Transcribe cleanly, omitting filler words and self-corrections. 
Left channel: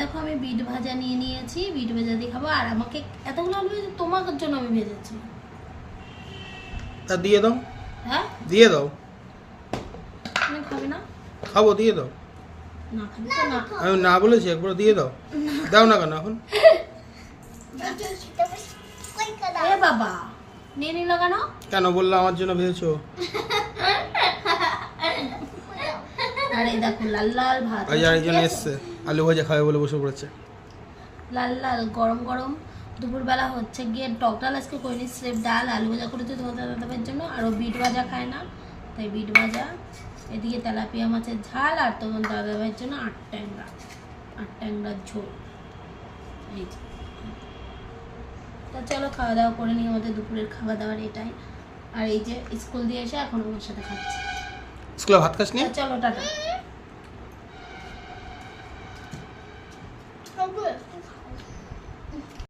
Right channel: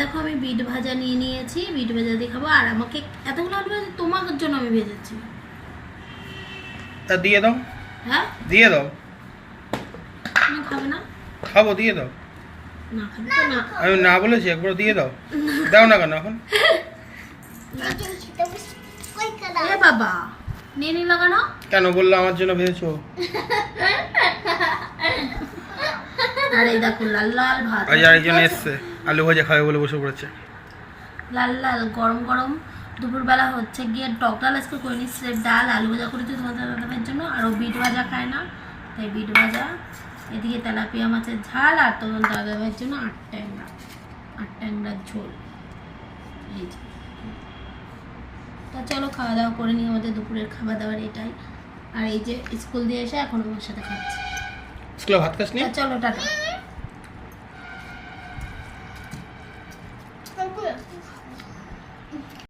দেখো আমি বিট ভাজা নিয়ে নিয়েছি, বিট ভাজা দিয়ে খাবো। আর আমাকে এতগুলো আলু ভাজা তোমার জন্য আমি ভেজেছি। তা দিয়ে দাও। হ্যাঁ দিয়ে দাও। তুমি খাবে না? খাবো, দিয়ে দাও। না খাবে তো না। আমি না বলেছি, একবার দিয়ে দাও। দাও না কেন এখন? এ বাবা নিয়ে নি লাগানো। কেন বললো আমার জন্য ভেজেছো? আর এই দেখো লাল লাল ভাত, আজ আরেকজন এসছে আলু ভাজা খাবে বলে বসে পড়েছে। লাল লাল গরম গরম। দুপুরবেলা হচ্ছে গিয়ে টক ডাল আজকে করিনি, স্রেফ ডাল আলু ভাজা করেছি তোমাদের দাদাভাইয়ের জন্য। আর ও বিট ভাজা খায় না, তাই বিট ভাজা। এদিকে তেলাপিয়া মাছের ঝাল, আর তোমার দাদাভাইয়ের জন্য আট ট্যাংরার ঝোল। এই যে। তো চলো খাওয়া দাওয়া করে নিই, আমাদের দুপুরের খাওয়া দাওয়ার এটাই। আর এই যে স্কুল দিয়ে এসে এখন আমার সাথে খাচ্ছি। স্কুলে ভাত খাসনি? তো চলো টাটা।